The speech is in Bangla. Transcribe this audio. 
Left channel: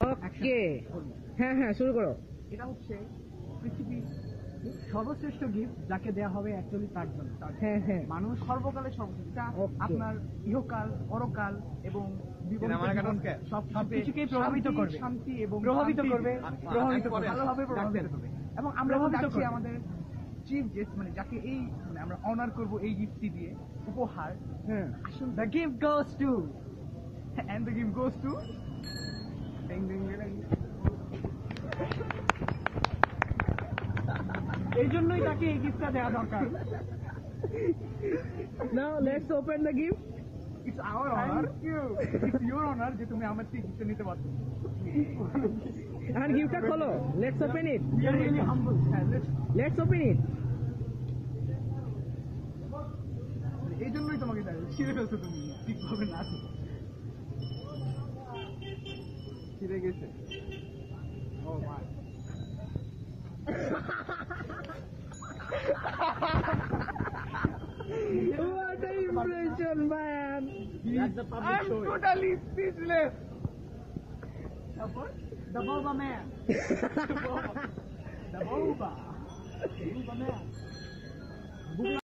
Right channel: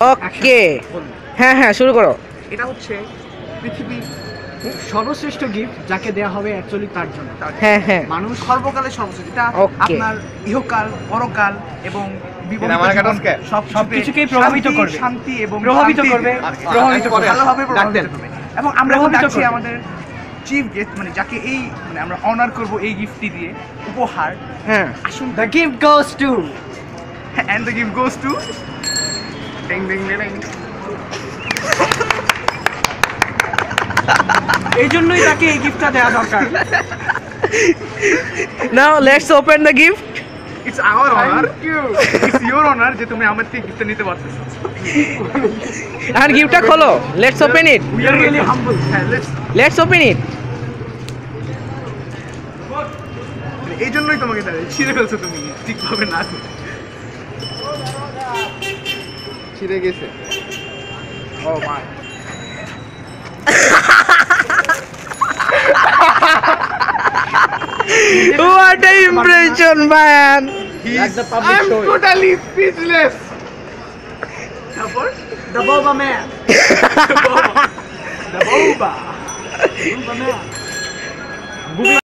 ওকে, হ্যাঁ হ্যাঁ শুরু করো। এটা হচ্ছে পৃথিবীর সর্বশ্রেষ্ঠ গিফট যাকে দেয়া হবে অ্যাকচুয়ালি তার জন্য। হ্যাঁ হ্যাঁ মানুষ সর্বকালের সর্বশ্রেষ্ঠ, এটা Okay. আপনার ইহকাল পরকাল এবং বিবাহিত আমার জীবন কাছে সবকিছুকেই প্রভাবিত শান্তি, করবে। শান্তি এবং প্রভাবিত শান্তি- করবে, প্রভাবিত করবে। ভালোভাবে প্রভাবিত ডাকতেন। করবে। এবং আমরা এখন প্রভাবিত ডাকছি করবে। আমাদের চিফ গেস্ট, মানে যাকে এই মানে আমরা অনার করব এই গিফটটি দিয়ে, উপহার। হ্যাঁ আসুন, The gift goes to and the gift goes to ding ding ding ding. এই জন্যই তাকে এই গিফটটা দেওয়া দরকার। Now let's open the gift. It's our honor. It's your honor যে তুমি আমার থেকে গিফটটা নিতে পারতেছো। আর গিফটটা খোলো, let's open it, We are really humble. হ্যাঁ, let's লেটস ওপেন ইট। এই জন্যই তোমাকে তাহলে ছিঁড়ে ফেলছো তুমি ঠিকভাবে না করে। ছিঁড়ে গেছে। ও মা, What an impression, man! That's the public show. Totally speechless. তারপর The Boba Man. the boba. Boba Man.